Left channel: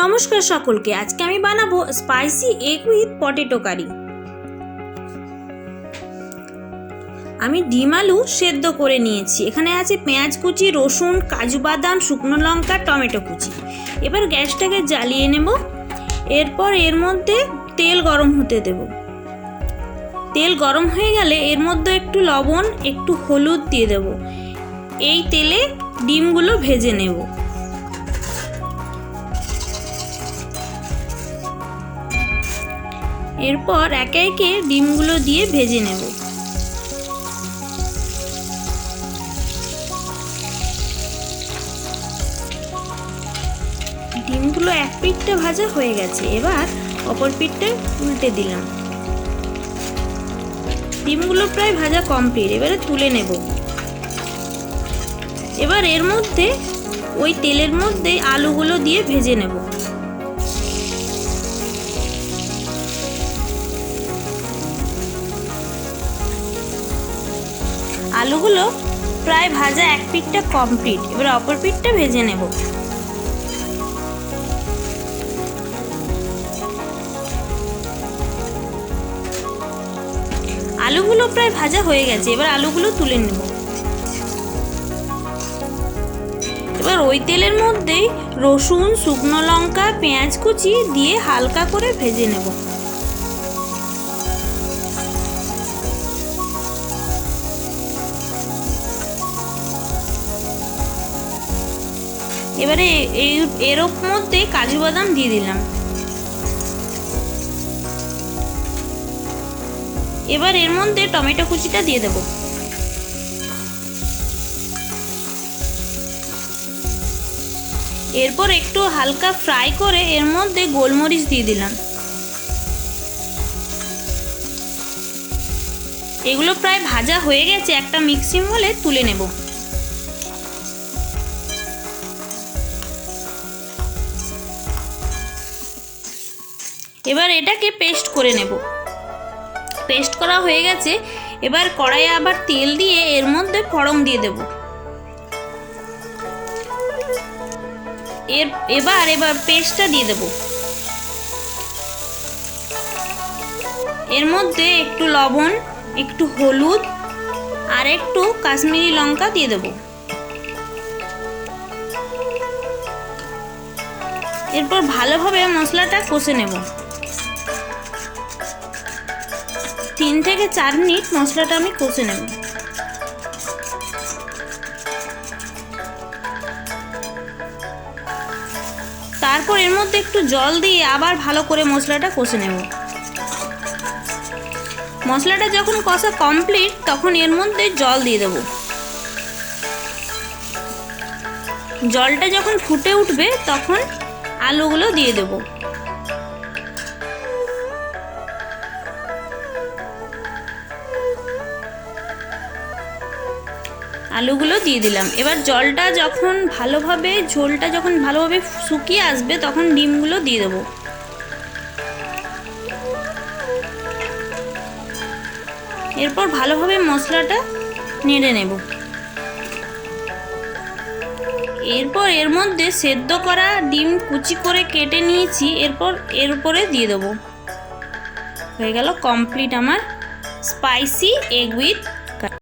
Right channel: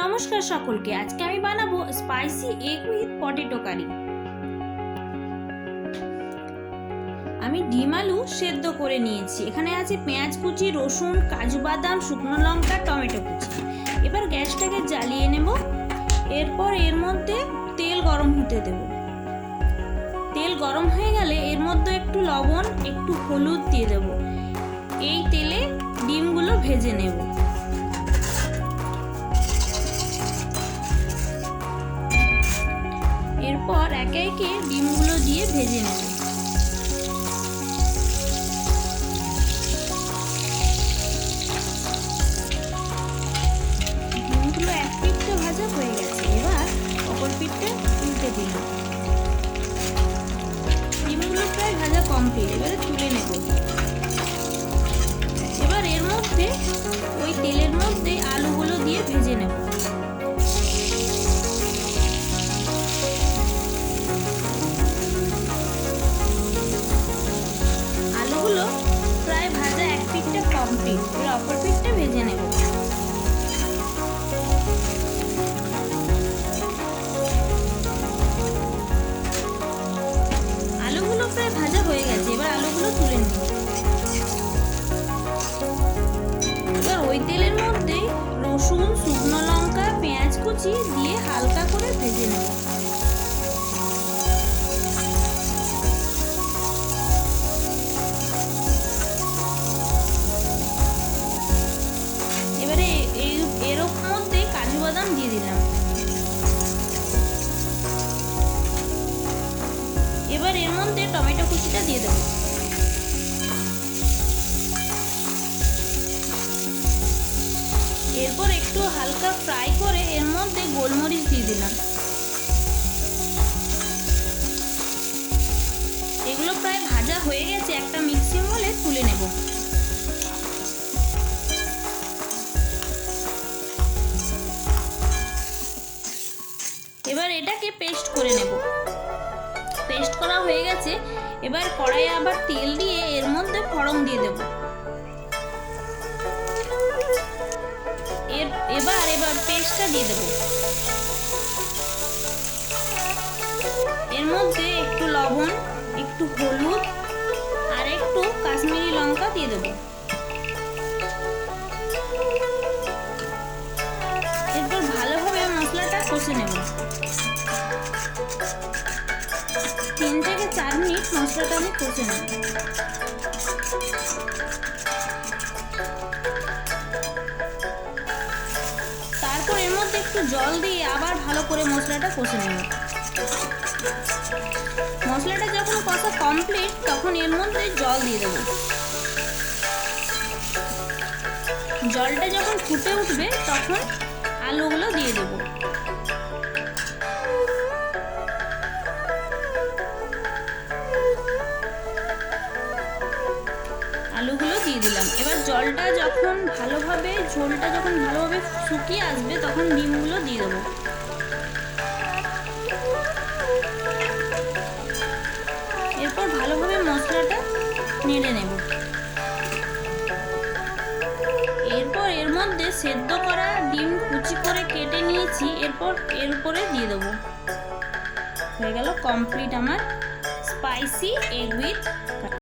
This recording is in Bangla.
নমস্কার সকলকে। আজকে আমি বানাবো স্পাইসি এগ উইথ পটেটো কারি। আমি ডিম আলু সেদ্ধ করে নিয়েছি। এখানে আছে পেঁয়াজ কুচি, রসুন, কাজু বাদাম, শুকনো লঙ্কা, টমেটো কুচি। এবার গ্যাসটাকে জ্বালিয়ে নেব। এরপর এর মধ্যে তেল গরম হতে দেব। তেল গরম হয়ে গেলে এর মধ্যে একটু লবণ, একটু হলুদ দিয়ে দেব। এই তেলে ডিমগুলো ভেজে নেব। এরপর একে একে ডিমগুলো দিয়ে ভেজে নেব। ডিমগুলো এক পিঠটা ভাজা হয়ে গেছে। এবার অপর পিঠটা উল্টে দিলাম। ডিমগুলো প্রায় ভাজা কমপ্লিট। এবারে তুলে নেব। এবার এর মধ্যে ওই তেলের মধ্যে আলুগুলো দিয়ে ভেজে নেব। আলুগুলো প্রায় ভাজা এক পিঠটা কমপ্লিট। এবার অপর পিঠটা ভেজে নেব। আলুগুলো প্রায় ভাজা হয়ে গেছে। এবার আলুগুলো তুলে নেব। এবার ওই তেলের মধ্যেই রসুন, শুকনো লঙ্কা, পেঁয়াজ কুচি দিয়ে হালকা করে ভেজে নেব। এবারে এর মধ্যে কাজু বাদাম দিয়ে দিলাম। এবার এর মধ্যে টমেটো কুচিটা দিয়ে দেব। এরপর একটু হালকা ফ্রাই করে এর মধ্যে গোলমরিচ দিয়ে দিলাম। এগুলো প্রায় ভাজা হয়ে গেছে। একটা মিক্সিং বলে তুলে নেব। এবার এটাকে পেস্ট করে নেব। পেস্ট করা হয়ে গেছে। এবার কড়াইয়ে আবার তেল দিয়ে এর মধ্যে ফোড়ন দিয়ে দেব। এবার পেস্টটা দিয়ে দেব। এর মধ্যে একটু লবণ, একটু হলুদ আর একটু কাশ্মীরি লঙ্কা দিয়ে দেব। এরপর ভালোভাবে মশলাটা কষে নেব। 3 থেকে 4 মিনিট মশলাটা আমি কষে নেব। তারপর এর মধ্যে একটু জল দিয়ে আবার ভালো করে মশলাটা কষে নেব। মশলাটা যখন কষা কমপ্লিট তখন এর মধ্যে জল দিয়ে দেব। জলটা যখন ফুটে উঠবে তখন আলুগুলো দিয়ে দেব। আলুগুলো দিয়ে দিলাম। এবার ঝোলটা যখন ভালোভাবে শুকিয়ে আসবে তখন ডিমগুলো দিয়ে দেবো। এরপর ভালোভাবে মশলাটা নেড়ে নেব। এরপর এর মধ্যে সেদ্ধ করা ডিম কুচি করে কেটে নিয়েছি। এরপর এর উপরে দিয়ে দেবো। হয়ে গেল কমপ্লিট আমার স্পাইসি এগ উইথ